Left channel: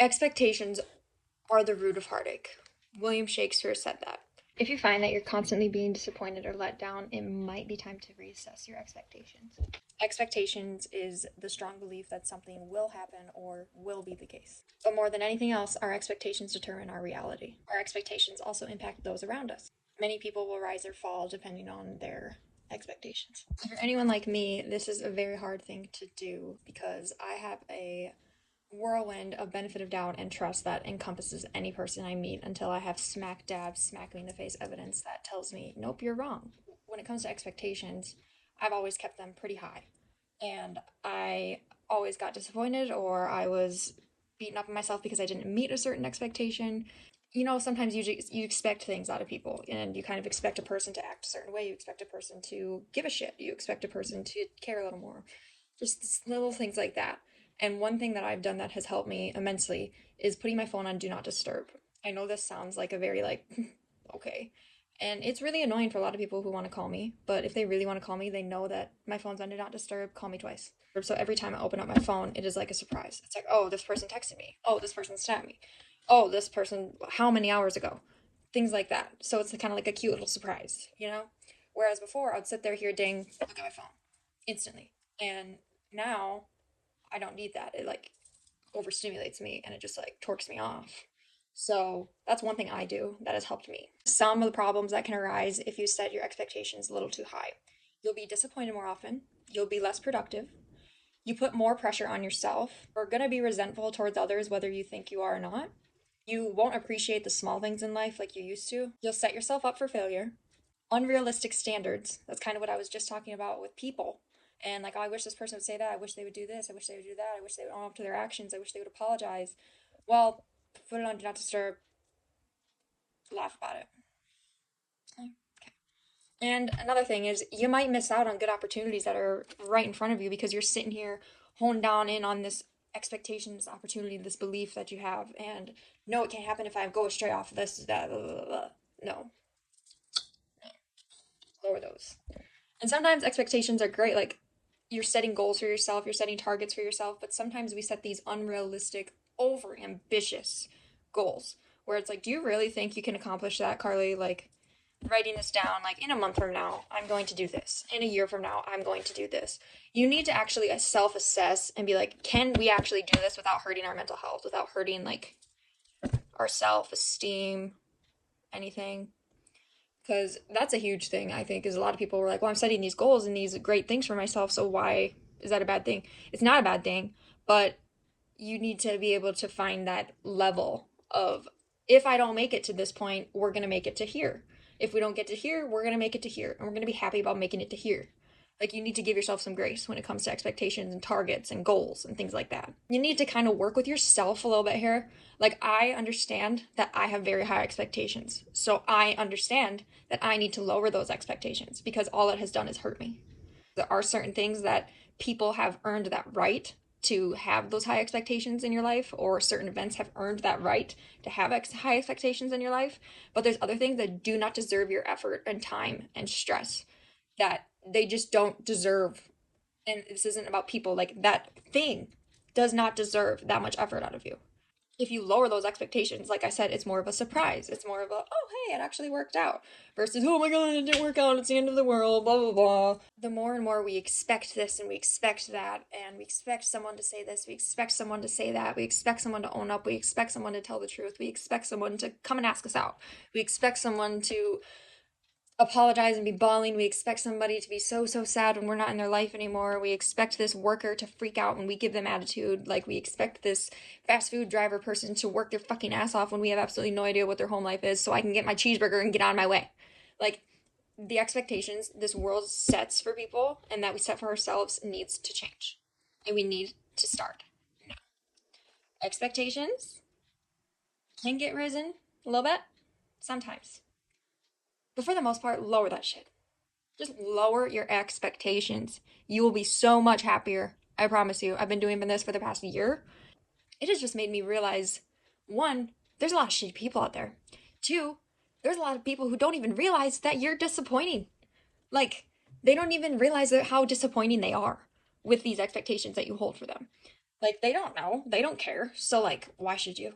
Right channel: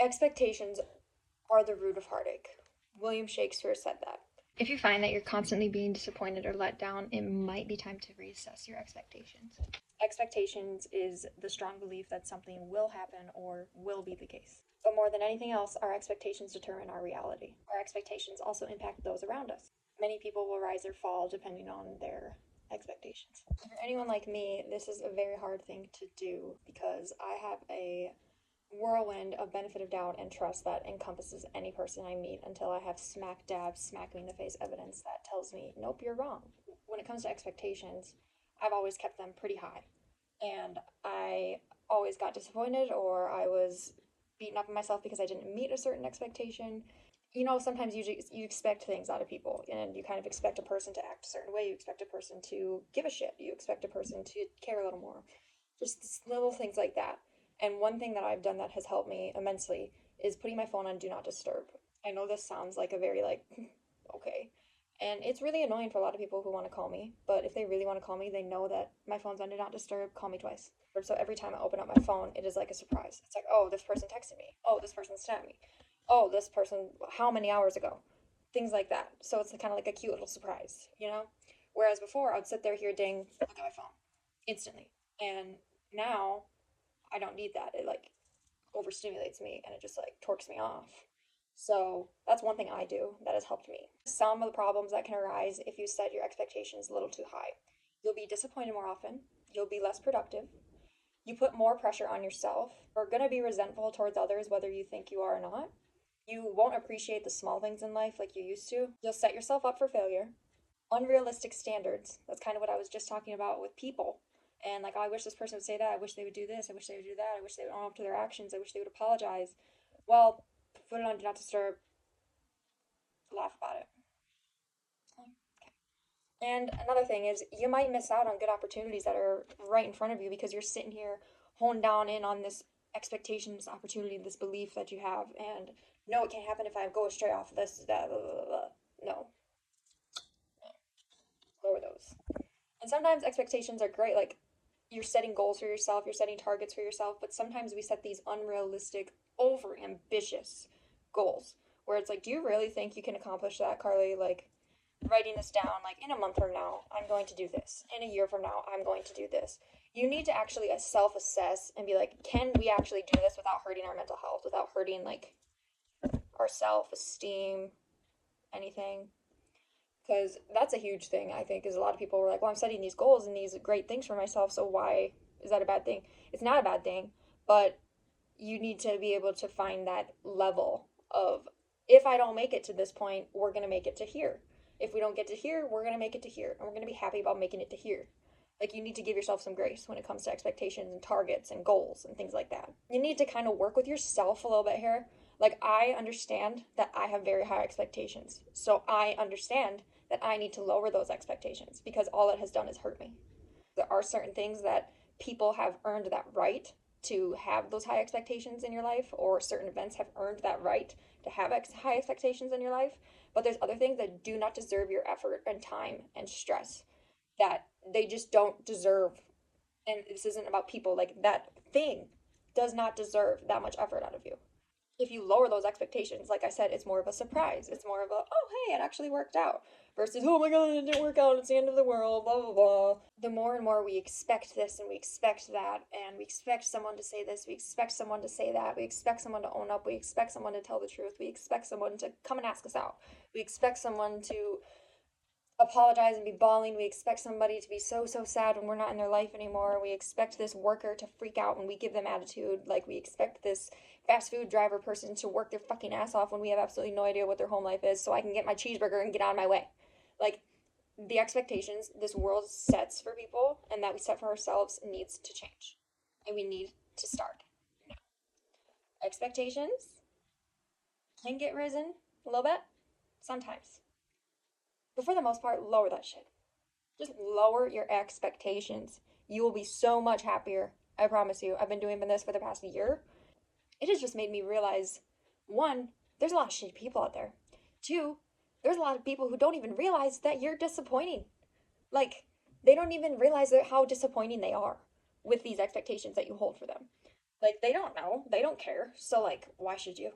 Expectations are the root of heartache. William Shakespeare said that. If you find that you're constantly being disappointed or let down, it might be time to reassess your expectations. Expectations is the strong belief that something will happen or will be the case. But more than anything else, our expectations determine our reality. Our expectations also impact those around us. Many people will rise or fall depending on their expectations. For anyone like me, this is a very hard thing to do because I have a whirlwind of benefit of doubt and trust that encompasses any person I meet until I have smack me in the face evidence that tells me, nope, you're wrong. When it comes to expectations, I've always kept them pretty high. And I always got disappointed or I was beaten up on myself because I didn't meet a certain expectation. You know, sometimes you expect things out of people and you kind of expect a person to act a certain way. You expect a person to give a shit. You expect a person to care a little more. Just little things like that. And one thing that I've done that has helped me immensely is putting my phone on do not disturb. I know this sounds like a very like, okay. And it's really annoying for a lot of people who want to call me, but if they really want to call me, they know that my phone's on do not disturb, call me twice. So every time I open up my phone, it is like a surprise. It's like, oh, this person texted me. Oh, this person snapped me. Oh, this person, how many hours ago? Things like that. So it's kind of like a cute little surprise, you know? Whereas before, I would sit there, hear ding, look at my phone instantly. And now I don't need that. It like overstimulates me and it just like torques me off. So that's one thing I do that has helped me. Some of the problems that can arise if you set your expectations a little too high. You'll be disappointed more often. You'll be less productive. You put more pressure on yourself. You're going to be resentful towards others, whether you think you are or not. You won't appreciate the small things in life like you used to. You'll set yourself up for failure. Unrealistic standards. That's kind of what I was just talking about with people. And like, oh, I wish this person would say that. I wish they would do this. I wish they would do that. I wish they would own up to their actions. I wish they would apologize. Well, put it on do not disturb. Laugh about it. Okay. And another thing is you might miss out on good opportunities that are right in front of you because you're sitting here honed down in on this expectation, this opportunity, this belief that you have. And no, it can't happen if I go astray off of this, that, blah, blah, blah. No. Lower those. And sometimes expectations are great. Like, you're setting goals for yourself, you're setting targets for yourself, but sometimes we set these unrealistic, over ambitious goals where it's like, do you really think you can accomplish that, Carly? Like, writing this down, like, in a month from now, I'm going to do this. In a year from now, I'm going to do this. You need to actually self assess and be like, can we actually do this without hurting our mental health, without hurting, like, our self esteem, anything? Because that's a huge thing, I think, is a lot of people were like, well, I'm setting these goals and these great things for myself, so why is that a bad thing? It's not a bad thing, but you need to be able to find that level of, if I don't make it to this point, we're going to make it to here. If we don't get to here, we're going to make it to here, and we're going to be happy about making it to here. Like, you need to give yourself some grace when it comes to expectations and targets and goals and things like that. You need to kind of work with yourself a little bit here. Like, I understand that I have very high expectations. So I understand that I need to lower those expectations because all it has done is hurt me. There are certain things that people have earned that right to have those high expectations in your life, or certain events have earned that right to have high expectations in your life. But there's other things that do not deserve your effort and time and stress, that they just don't deserve. And this isn't about people. Like, that thing does not deserve that much effort out of you. If you lower those expectations, like I said, it's more of a surprise. It's more of a, oh, hey, it actually worked out. Versus, oh my god, it didn't work out. It's the end of the world, blah, blah, blah. The more and more we expect this and we expect that, and we expect someone to say this, we expect someone to say that, we expect someone to own up, we expect someone to tell the truth, we expect someone to come and ask us out, we expect someone to apologize and be bawling. We expect somebody to be so sad when we're not in their life anymore. We expect this worker to freak out when we give them attitude. Like, we expect this fast food driver person to work their fucking ass off when we have absolutely no idea what their home life is, so I can get my cheeseburger and get on my way. Like, the expectations this world sets for people and that we set for ourselves needs to change. And we need to start now. Expectations can get risen a little bit sometimes. But for the most part, lower that shit. Just lower your expectations. You will be so much happier. I promise you. I've been doing this for the past year. It has just made me realize, one, there's a lot of shitty people out there. Two, there's a lot of people who don't even realize that you're disappointing. Like, they don't even realize how disappointing they are with these expectations that you hold for them. Like, they don't know. They don't care. So, like, why should you?